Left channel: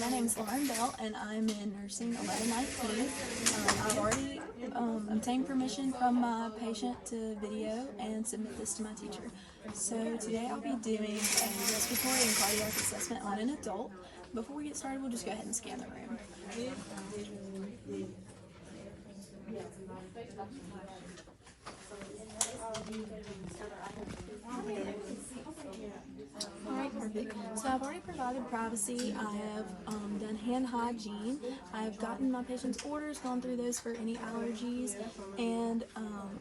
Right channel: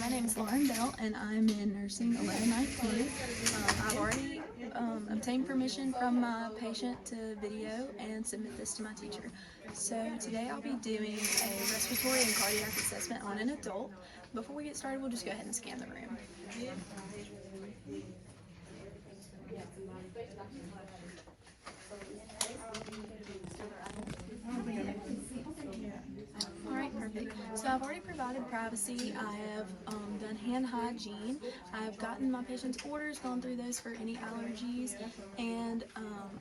my name is Lauren Bell, and I'm in nursing 1119. I've already obtained permission from my patient to video and submit this to my teacher. So today I'll be doing a respiratory and cardiac assessment on an adult. Before we get started, we'll just go ahead and scan the room. Alright, perfect. So I've already provided privacy. I have done hand hygiene. I've gotten my patient's orders, gone through those for any allergies, and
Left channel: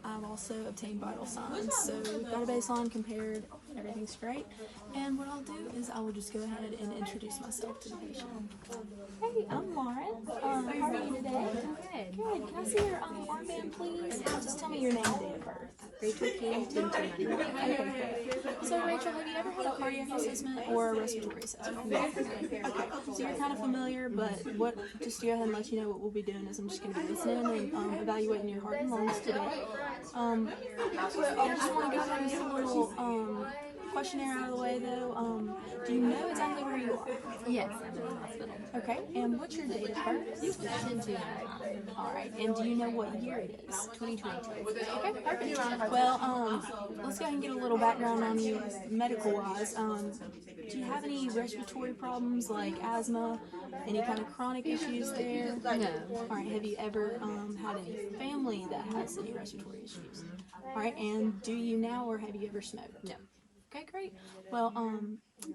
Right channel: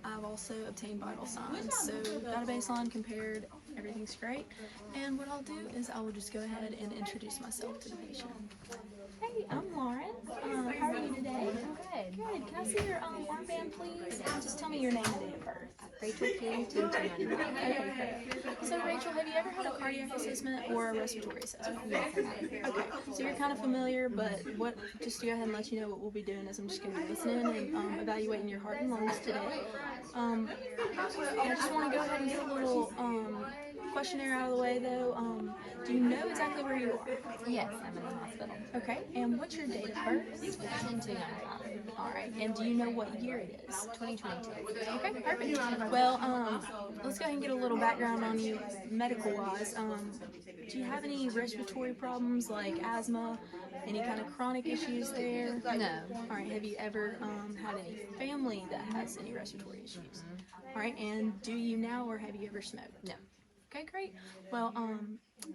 I've also obtained vital signs. So we've got a baseline compared, everything's great. And what I'll do is I will just go ahead and introduce myself to the patient. Hey, I'm Lauren. How are you today? Good. Good. Can I see your armband, please? And just tell me your name and date of birth. Rachel King, 2299. Okay, great. So Rachel, have you ever had a cardiac assessment or a respiratory assessment? Yes. Okay, so you're kind of familiar, but just to go ahead and let you know what we'll be doing is I'm just going to be listening and evaluating your heart and lungs today. I just want to go ahead and get a little questionnaire out of the way though. Do you know exactly where you are? Yes, I'm in the hospital. Okay, and what's your date of birth? 10299. Alright, and do you know what year it is? 2022. Okay, perfect. Well, let's go ahead and get a little background on you medical-wise. Do you have any respiratory problems like asthma, any kind of chronic issues there? No. Alright, have you ever had any family that has any respiratory issues? Alright, and do you now or have you ever smoked? No. Okay, great. Well,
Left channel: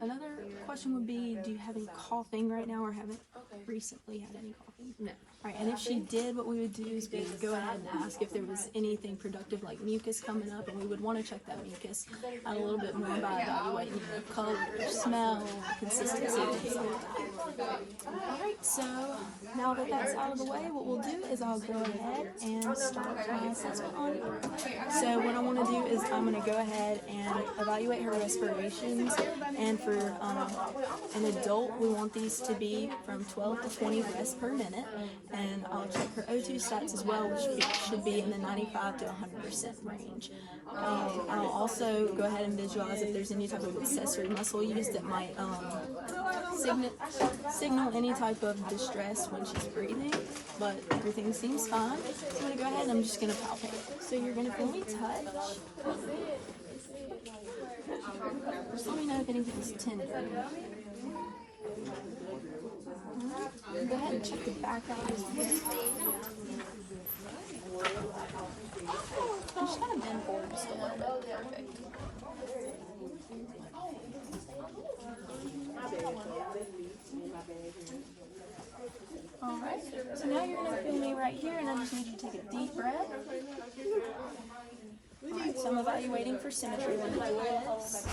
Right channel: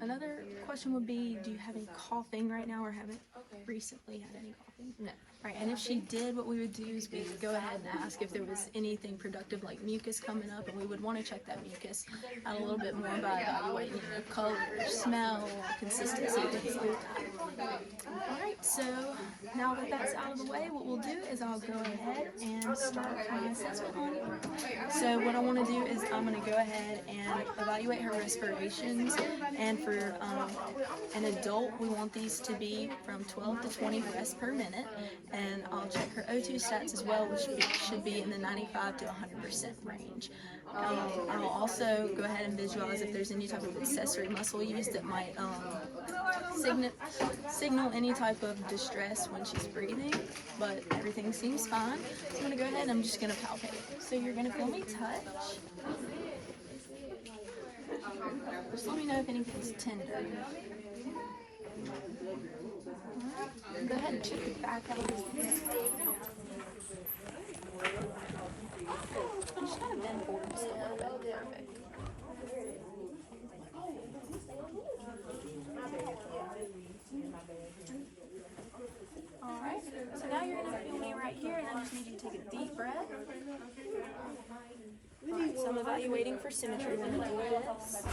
another question would be, do you have any coughing right now or haven't recently had any coughing? No. Right, and if she did, what we would do is we would go ahead and ask if there was anything productive like mucus coming up, and we would want to check that mucus out a little bit more by evaluating the color, smell, consistency, things like that. Alright, so now that that's out of the way, what we'll do is I'll go ahead and start my assessment on you. So what I want to do is I'm going to go ahead and evaluate her respirations, and for an adult, we want these to be from 12 to 20 breaths per minute. And I'll check her O2 stats as well, which should be in the 95 to 100% range. I'll also go ahead and visualize if there's any type of accessory muscle used that might signal any type of distress when she's breathing, but everything seems fine. So I'm going to go ahead and I'm just going to palpate. So you're going to feel me touch. Just let me know if anything's tender. Go ahead and check the back out as well. Just kind of bend forward just a little bit. Perfect. Alright, so now you're going to feel me right here, and I just need you to take a deep breath. Alright, so I'm evaluating for symmetry when I do this.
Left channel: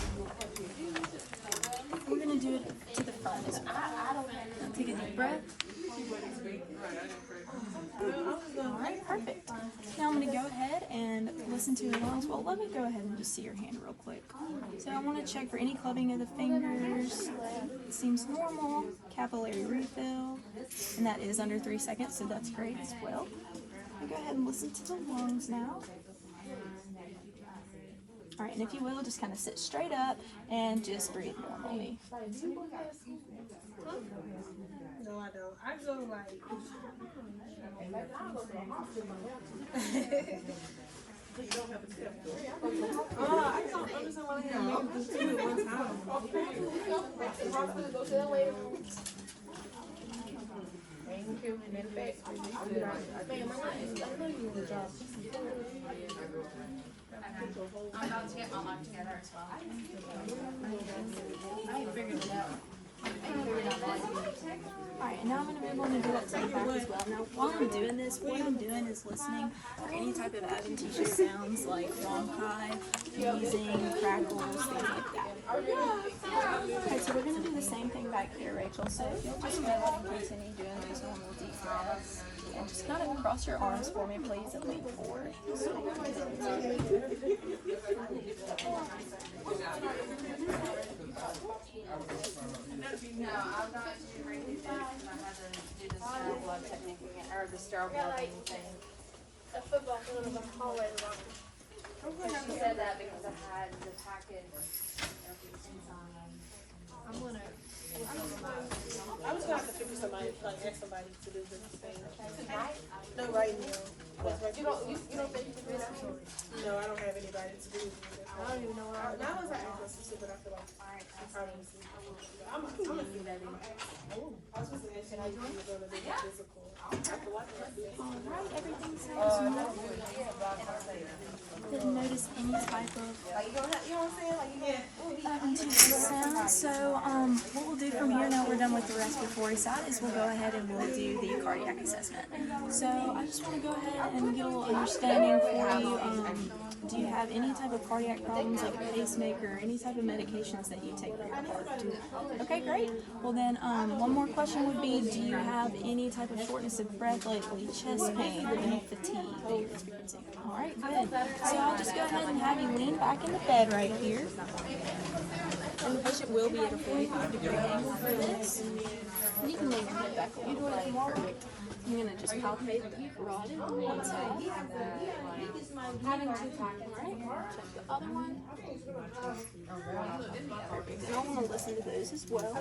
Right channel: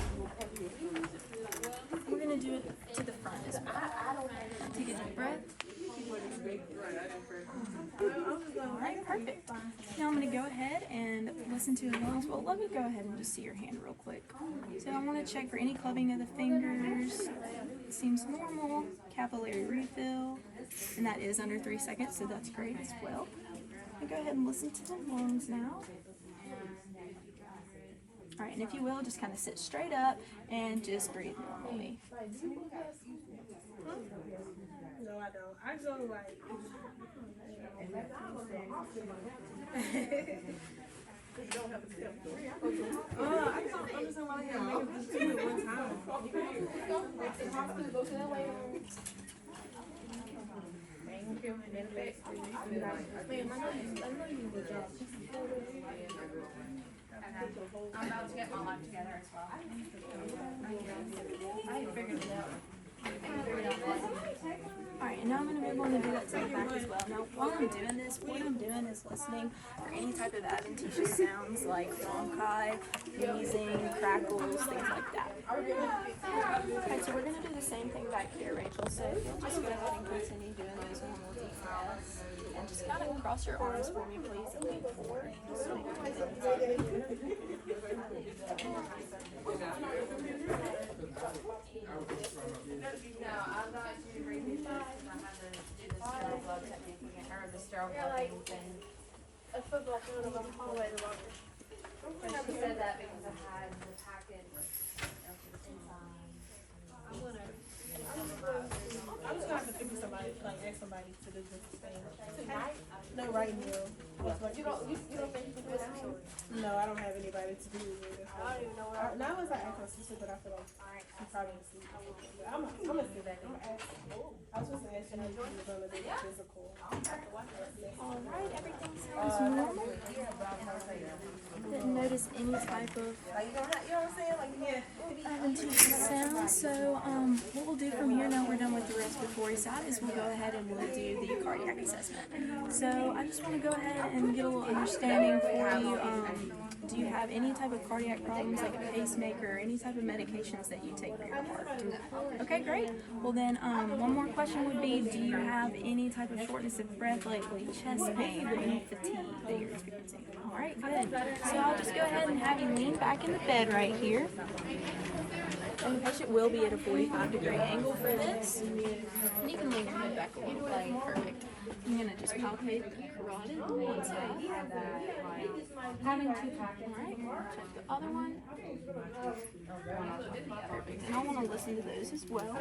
We're going to do it to the front as well. Now take a deep breath. Alright, perfect. Now I'm going to go ahead and listen to your lungs. Well, let me go ahead and just see your hand real quick. So I want to check for any clubbing of the fingers. It seems normal. Capillary refill. And that is under 3 seconds, so that's great as well. I'll go ahead and listen to the lungs now. Alright, and if you will, just kind of sit straight up and just breathe normally. No, I don't. I go like. I'm about to get my life together as well. I figured it out. Alright, and now I'm going to move on to do that to the back as well. Now, while I'm doing this, what I'm doing is listening for any type of adventitious sounds like ronchi, wheezing, crackles, things like that. Okay, so we're going to do the same thing back here, Rachel. So if you'll just go ahead and continue doing these normal deep breaths. And just kind of cross your arms for me, please, and lean forward. No, I'm not actually breathing fast, and I have to do the sterile blood technique again, or the sterile blood thing. I forgot a little bit hallway. She said that because I had the packet. I'm just gonna have to fix to do with it. Now was I asked her, but I feel like she probably was sleeping. I'm gonna see that in I was supposed to ask you if you were gonna do the physical. Alright, everything sounds normal. Didn't notice any type of sound. So what we'll do from here, now we're done with the respiratory side, is we'll go ahead and we'll do the cardiac assessment. So I just want to go ahead and get a little understanding for you. Do you have any type of cardiac problems, like a pacemaker, or any type of medications that you take for your heart? Okay, great. Well then, one more question would be, do you have any type of shortness of breath lately, chest pain, or any fatigue that you're experiencing? All right, good. So I'll just go ahead and have you lean back in the bed right here. And the patient will be at a 45-degree angle for this. And you can lean your head back a little bit. Perfect. I'm going to just palpate the carotid on one side. Alright, check the other one. Perfect. And I want to listen to those as well.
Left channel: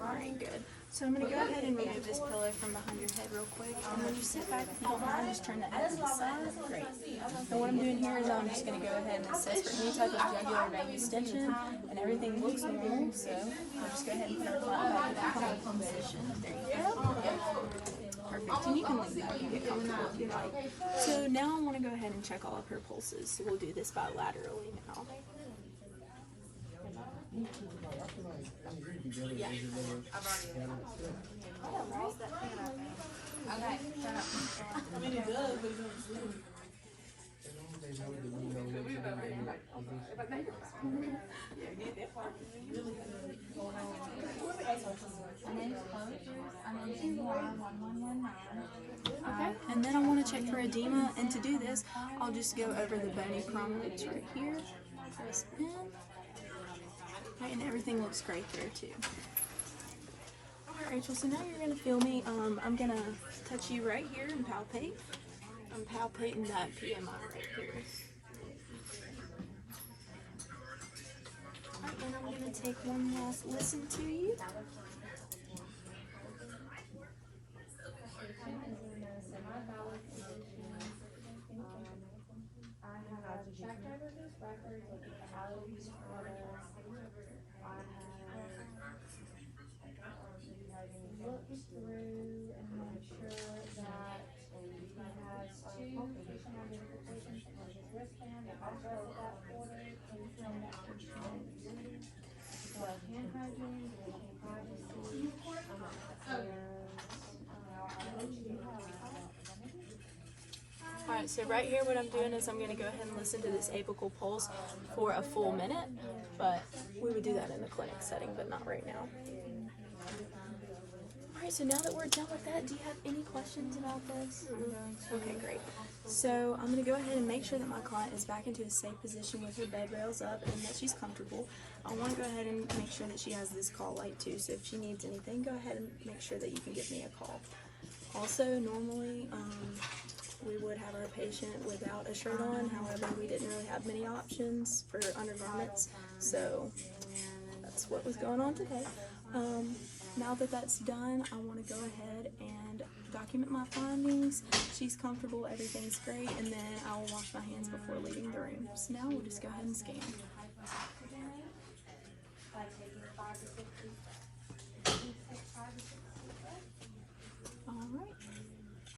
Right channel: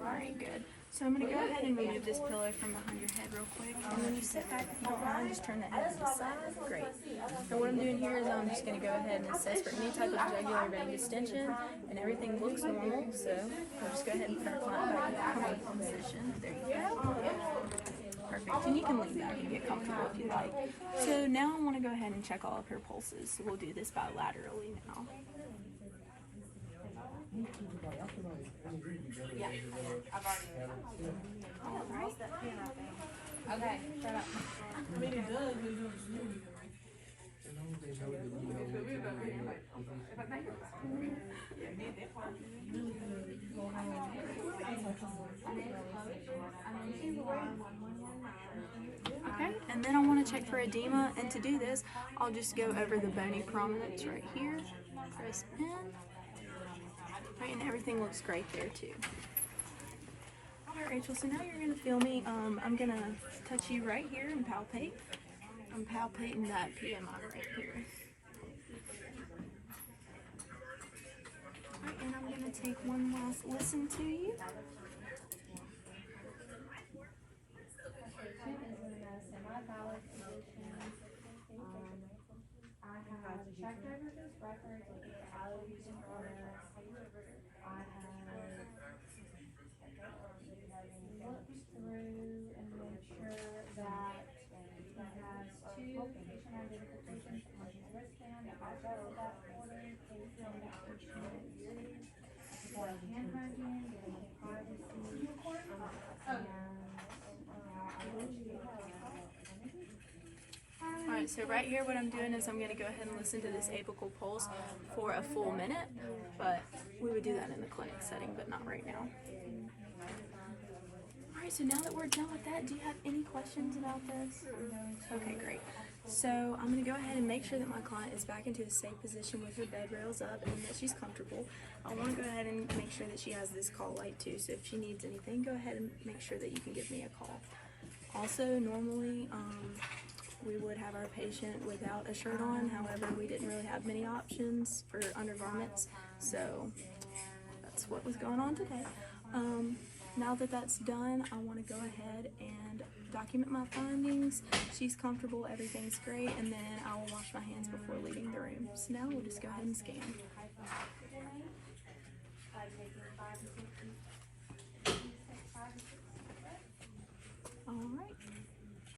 Alright, good. So I'm going to go ahead and remove this pillow from behind your head real quick. And when you sit back, if you don't mind, just turn that head to the side. Great. So what I'm doing here is I'm just going to go ahead and assess for any type of jugular vein distension. And everything looks normal, so I'll just go ahead and put our client back in that comfortable position. There you go. Perfect. And you can lean back and get comfortable if you like. So now I want to go ahead and check all of her pulses. So we'll do this bilaterally now. Yeah. All right. Okay, shut up. Okay, and then I want to check for edema, and to do this, I'll just go over the bony prominence right here. Press in. Right, and everything looks great there too. Alright, Rachel, so now you're going to feel me. I'm going to touch you right here and palpate. I'm palpating that PMI right here. Alright, and I'm going to take one last listen to you. Alright, so right here what I'm doing is I'm going to go ahead and listen to this apical pulse for a full minute, but we would do that in the clinic setting, but not right now. Alright, so now that we're done with that, do you have any questions about this? Okay, great. So I'm going to go ahead and make sure that my client is back into a safe position with her bed rails up and that she's comfortable. I want to go ahead and make sure that she has this call light too, so if she needs anything, go ahead and make sure that you can give me a call. Also, normally, we would have our patient without a shirt on, however, we didn't really have many options for undergarments, so that's what was going on today. Now that that's done, I want to go ahead and document my findings. She's comfortable, everything's great, and then I will wash my hands before leaving the room. So now we'll just go ahead and scan.